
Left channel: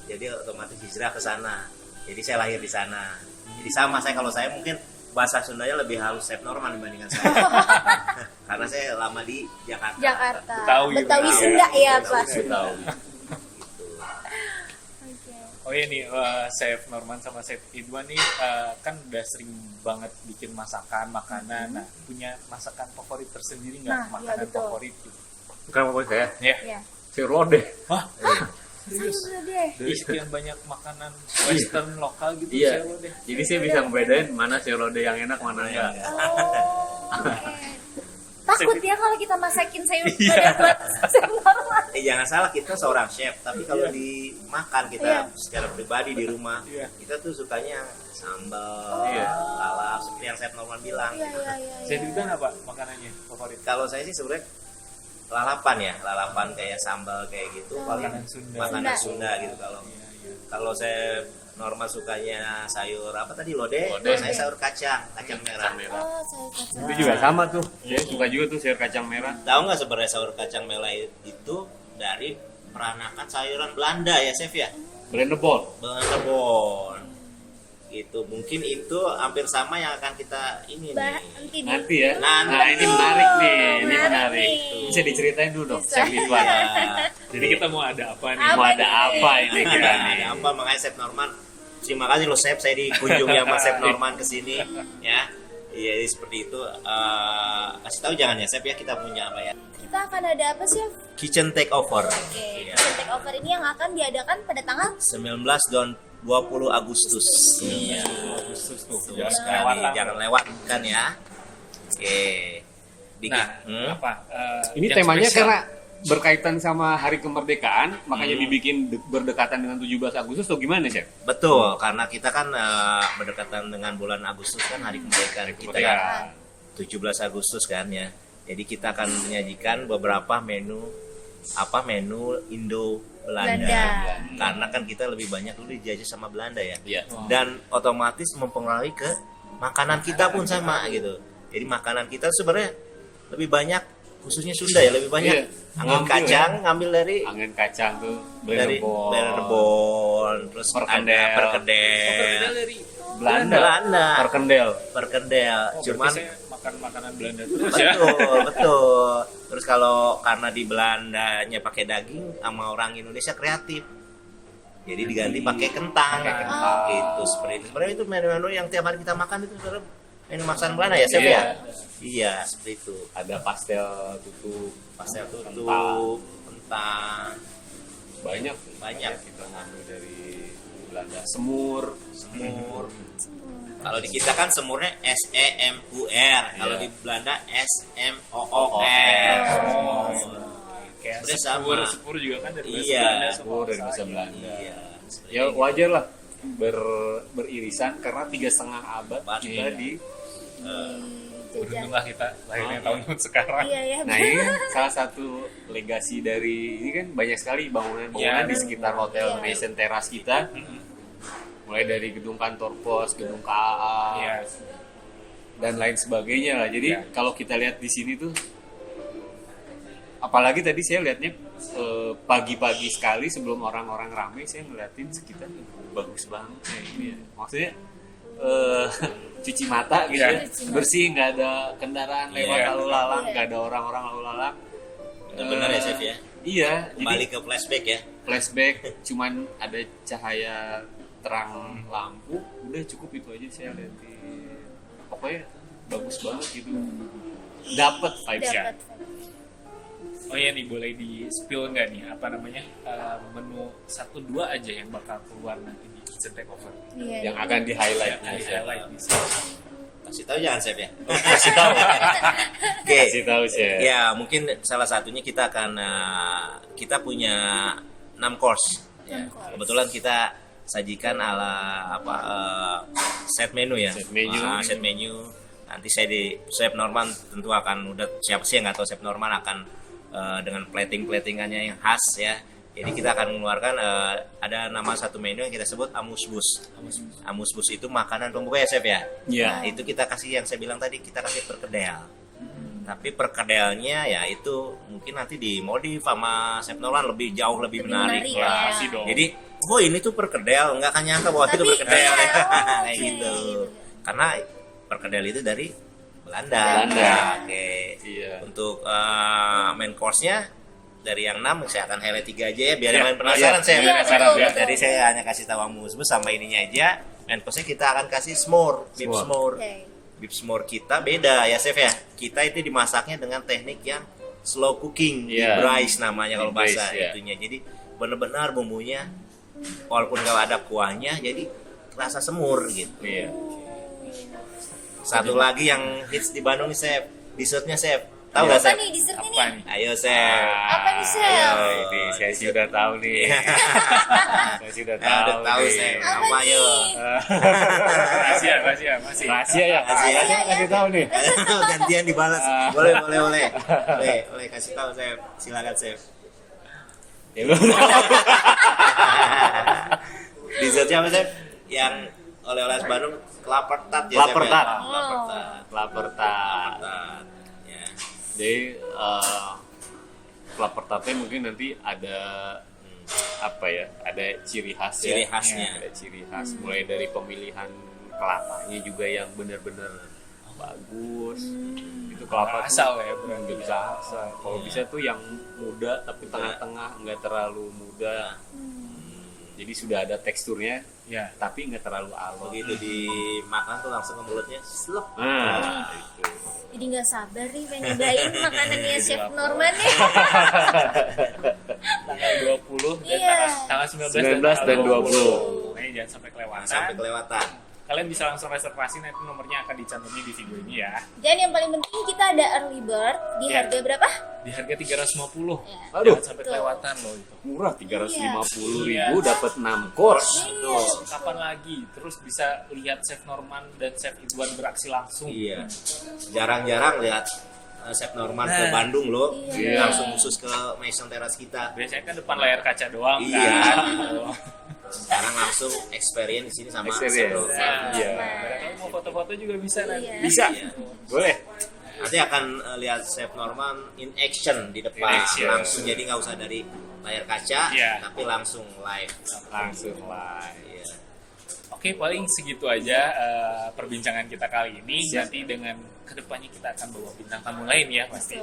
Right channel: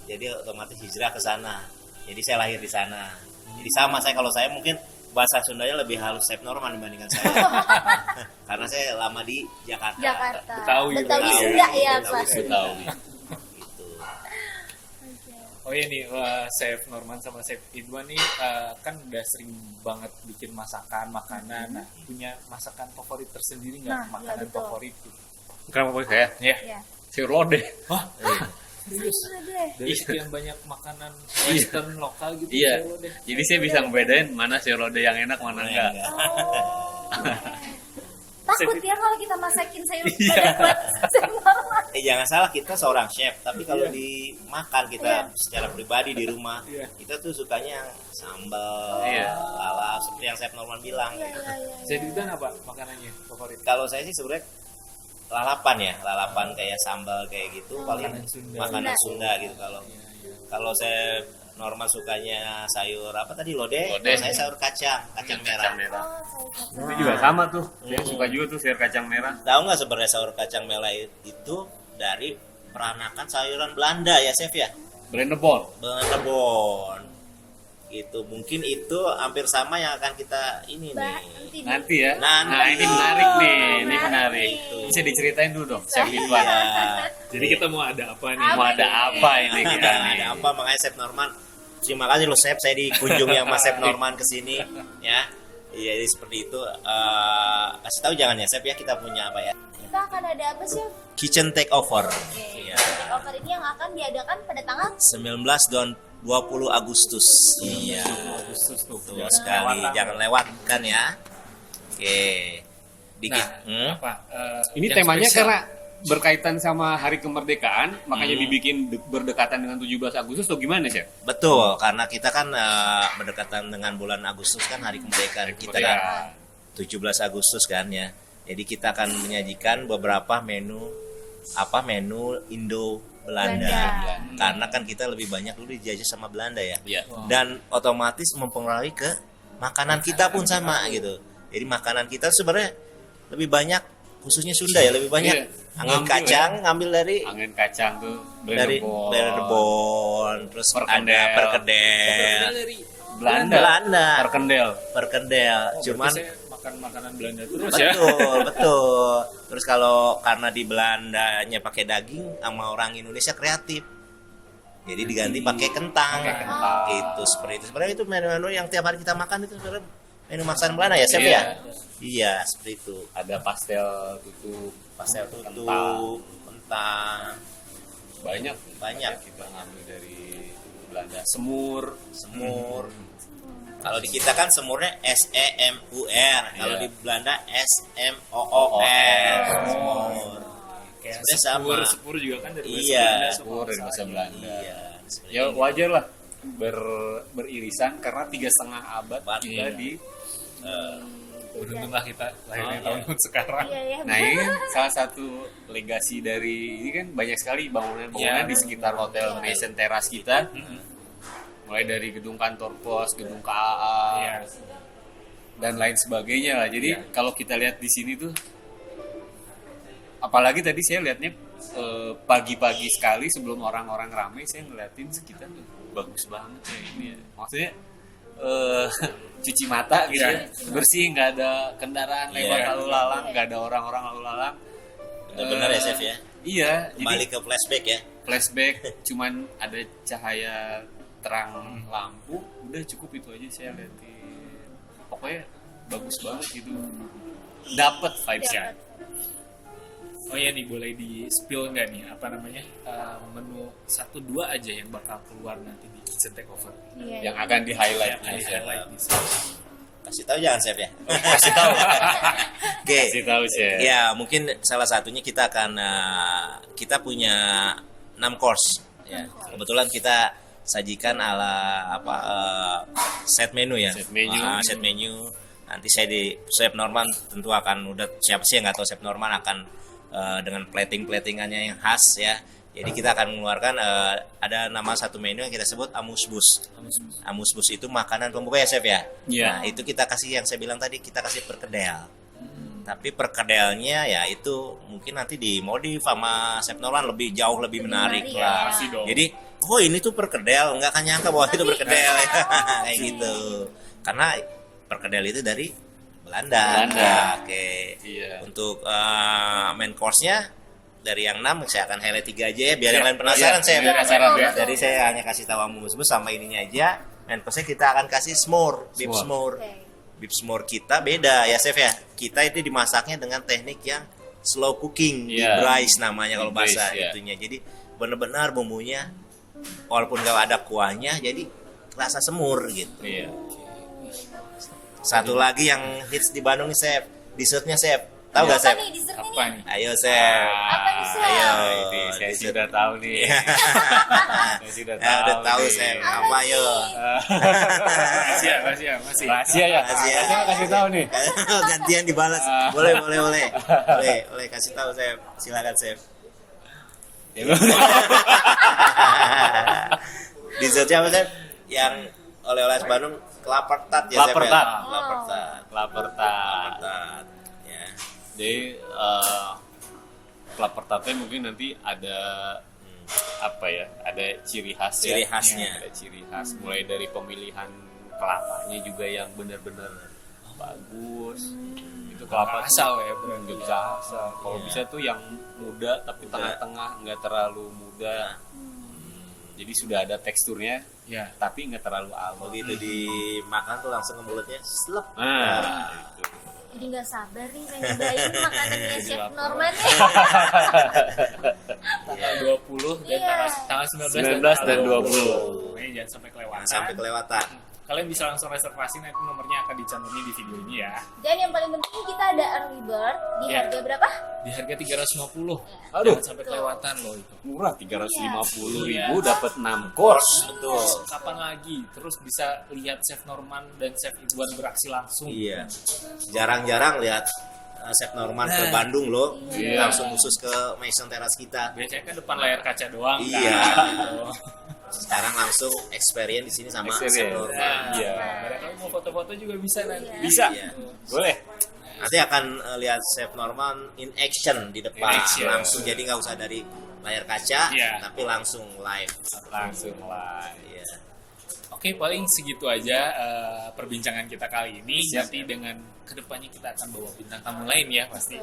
Jadi otomatis hijrah ke sana. Jadi saya lahir di sana. Jadi sama saya, kalau saya mungkin bahasa Sundanya lebih halus chef Norman dibandingkan saya. Karena saya lama di Jakarta. Jakarta. Betawi. Betawi Sunda ya, Pak. Betawi. Oke. Oh iya nih, Chef Norman sama Chef Idwan nih kan udah sering banget bikin masakan, makanan. Nah, punya masakan favorit tersendiri nggak? Nah, iya, Makanan betul. favorit gitu. Kenapa kok saya? Ya. Ya. Sayur lodeh. Wah, Sayur lodeh. dari sekian banyak makanan western lokal gitu, Iya. sayur lodeh. Jadi saya bisa ngebedain mana sayur lodeh yang enak, mana enggak. Oh. Oke. Takut ya kalau kita masakin sayur lodeh buat Chef Norman. Jangan salah, kita seorang chef, tapi kalau dimakan kita Iya. secara pribadi di rumah, Iya. kita tuh sukanya sambal, Iya. lalap, seperti yang chef Norman bilang. Iya, iya, iya. Chef iya. Idwan apa makanannya favorit? Kalau saya sih sebenarnya lalapan ya, lalapan kayak sambal kayak gitu, paling Makanan Sunda. makanan Sunda. Sunda gitu. Kalau Iya, iya. kalau saya normal sukanya sayur apa tadi, lodeh, Lodeh. kalau saya sayur kacang merah. Oh, sayur kacang. Itu juga sama tuh. Saya suka juga tuh sayur kacang merah. Tahu nggak sebenarnya sayur kacang merah itu dari peranakan sayuran Belanda ya chef ya? Brandebon. Belanda gitu. Mungkin itu hampir sama yang akan kita ini Bah, nih. nanti Nanti ya. Nanti. Nah, ini menarik nih. Ini Menarik menarik. nih. Bisa diceritain dulu dong. Bisa. Chef Idwan. Nah, Jadi kita mau ada apa nih? Mau ada apa ini kita? ada apa, makanya chef Norman, terima kasih loh chef, saya dikunjungi sama chef Norman kesini ya. Iya, jadi seperti itu. Kasih tahu jangan ya chef ya, kita punya apa ya, kita akan ada apa sih? kitchen takeover. Oke. Iya. Take over ini yang akan diadakan pada tanggal 19 dan 20 Agustus. Iya. Agustus tuh. Betul sekali, jangan lewatkan ya. Oke. Dikit. Nah, apa? Ini yang temanya spesial? karena berkaitan sama Hari Kemerdekaan, makanya dibikin berdekatan dengan 17 Agustus atau gimana sih? Betul, karena kita kan berdekatan dengan bulan Agustus kan hari kemerdekaan kita kan. 17 Agustus kan ya. Jadi kita akan menyajikan beberapa menu Indo Belanda. Belanda. Karena kan kita lebih banyak dulu dijajah sama Belanda ya. Iya. Dan otomatis mempengaruhi ke makanan kita pun sama gitu. Jadi makanan kita sebenarnya lebih banyak, khususnya Sunda ya, lebih banyak Iya. angin Ngambil kacang, ngambil dari Angin kacang tuh dari Brandebon. Rebon, terus Perkedel. ada perkedel, dari Belanda. Belanda, Perkendel. perkedel. Cuman Cuman makan makanan Belanda terus ya. betul, betul. Terus kalau karena di Belandanya pakai daging, sama orang Indonesia kreatif. Jadi diganti pakai kentang. Gitu, seperti itu. Sebenarnya itu menu-menu yang tiap hari kita makan itu sebenarnya menu masakan Belanda ya, chef Iya. ya? Iya, seperti itu. Ada pastel tutup, Pastel tutu, Kentang. kentang, banyak. banyak. Kita ngambil dari Belanda. Semur. Semur. Kalau di kita kan semurnya SEMUR, kalau Iya. di Belanda SMOOR. Semur. Kayak Sebenarnya sepur, sama. sepur juga kan dari bahasa Iya. Belanda. Semur dari bahasa Belanda. Iya. seperti Ya itu. wajar lah beririsan karena 3,5 abad kita Iya. di. jejak. Beruntunglah kita lahirnya Oh, tahun sekarang. Iya ya. Nah ini salah satu legasi dari ini kan banyak sekali bangunan-bangunan Iya. di sekitar hotel Iya. Nation Teras kita. Mm-mm. Mulai dari gedung kantor pos, gedung KAA, Iya. dan lain sebagainya lah. Jadi Iya. kalau kita lihat di sini tuh, apalagi tadi saya lihatnya pagi-pagi sekali sebelum orang-orang ramai, saya ngeliatin sekitar tuh bagus banget ya ini ya. Maksudnya cuci mata gitu, Iya. bersih, nggak ada kendaraan lewat Iya. lalu lalang, nggak ada orang-orang lalu lalang. Benar ya, Chef ya? Iya, Kembali jadi ke flashback ya. flashback, cuman ada cahaya terang lampu, udah cukup itu aja saya ganti. Pokoknya bagus banget gitu. Dapat vibes-nya. Dapat. Oh iya nih, boleh di spill nggak nih apa namanya menu 1-2 aja yang bakal keluar nanti di Kitchen Takeover Iya. Yang akan di-highlight yang akan nih, Chef. di-highlight di sini. Kasih tahu jangan Chef ya. Kasih tahu. Oke. Kasih tahu Chef. Ya, mungkin salah satunya kita akan kita punya 6 course ya. Kebetulan kita sajikan ala set menu ya. Set menu. Set menu. Nanti saya di Chef Norman tentu akan udah siapa sih yang nggak tahu Chef Norman akan dengan platingannya yang khas ya. Jadi kita akan mengeluarkan ada nama satu menu yang kita sebut amusbus. Amusbus itu makanan pembuka ya Chef ya. Iya. Nah, itu kita kasih yang saya bilang tadi, kita kasih perkedel. Tapi perkedelnya ya itu mungkin nanti dimodif sama Chef Norman lebih jauh lebih menarik menarik, lah. ya. Pasti dong. Jadi, oh ini tuh perkedel, nggak akan nyangka bahwa itu Tapi, perkedel ya. oh, Kayak oke. gitu. Karena perkedel itu dari Belanda. Belanda. Oke. Iya. Untuk main course-nya dari yang 6 saya akan highlight 3 aja ya biar yang Iya. lain penasaran Iya. saya. Iya, Penasaran, betul, ya. betul. Jadi saya hanya kasih tahu amusbus sama ininya aja. Main course-nya kita akan kasih s'more, beef S'more. s'more. Oke. Beef s'more kita beda ya Chef ya. Kita itu dimasaknya dengan teknik yang slow cooking, Iya. braise namanya kalau Braise, bahasa ya. itunya. Jadi benar-benar bumbunya walaupun nggak ada kuahnya jadi rasa semur gitu. Iya. Satu lagi yang hits di Bandung nih Chef, dessertnya Chef. Tahu nggak Apa Chef? nih dessertnya Apa nih? nih? Ayo Chef. Apa nih, Chef? Ayo. Ini saya sudah tahu nih. Saya sudah Nah, udah tahu nih. Chef. Apa Apa yo? Rahasia masih. Rahasia ya. Rahasia kasih tahu nih. Gantian dibalas. Boleh. Boleh kasih tahu Chef. Silakan Chef. Dessertnya apa Chef? Yang oleh-oleh Bandung kelapa tart ya Chef. Kelapa ya? tart. Kelapa tart. Lapar tak. Tart. Ya. Jadi kelapa tartnya mungkin nanti ada apa ya? Ada ciri khas ya. Ciri khasnya. Ada ciri khas mulai dari pemilihan kelapanya juga yang benar-benar bagus. Itu kelapa Asal tuh ya, bro. nggak bisa asal. Kalau bisa tuh yang muda tapi tengah-tengah, nggak terlalu muda. Jadi sudah ada teksturnya, Ya. tapi nggak terlalu alot. Begitu dimakan tuh langsung ke mulutnya slep. Nah, itu. Jadi nggak sabar nih pengen nyobain makanannya Chef Norman nih. Tanggal 20 dan Iya. tanggal 19 dan 20. Nah, jangan sampai kelewatan. Jangan sampai kelewatan. Kalian bisa langsung reservasi, nanti nomornya akan dicantumkan di video ini ya. Dan yang paling penting kita ada early bird di Iya. harga berapa? Di harga 350. Aduh, Jangan sampai kelewatan loh itu. murah 350.000 Iya. dapat 6 course. Betul. Kapan lagi? Terus bisa lihat Chef Norman dan Chef Idwan beraksi langsung. Iya. Jarang-jarang lihat Chef Norman ke Nah. Bandung loh. Iya. Langsung khusus ke Maison Terrace kita. Biasanya kan depan layar kaca doang Iya. kan. Gitu. Sekarang langsung experience di sini sama Chef Experience. Norman. Nah, Iya. barangkali mau foto-foto juga bisa nanti. Iya. Bisa. Iya. Boleh. Nanti akan lihat Chef Norman in action di depan. In action. Langsung jadi nggak usah dari layar kaca, Iya. tapi langsung live. Langsung live. Iya. Oke, paling segitu aja perbincangan kita kali ini. Siap. Nanti dengan kedepannya kita akan bawa bintang tamu lain ya pasti.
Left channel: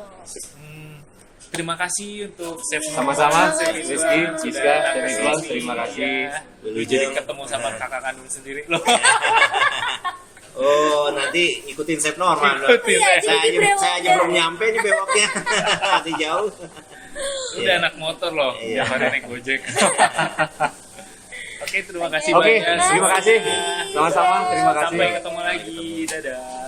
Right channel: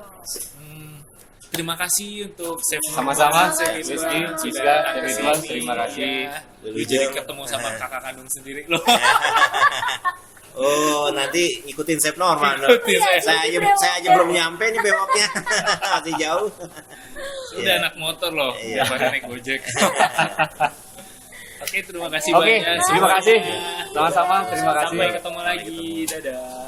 Terima kasih untuk Chef Sama-sama, Chef Rizky, Idwan, Rizka, sudah Chef datang Idwan, ke sini. terima kasih. Ya. Jadi ketemu sama kakak kandung sendiri loh. Oh, nanti ikutin Chef Norman. Ikutin, Iya, saya jadi aja, saya aja brewok. belum nyampe nih bewoknya. Masih jauh. Udah anak motor loh, Iya. bukan naik Gojek. Oke, terima kasih Oke, banyak. terima kasih. Sama-sama, terima kasih. Sampai ketemu lagi. Dadah.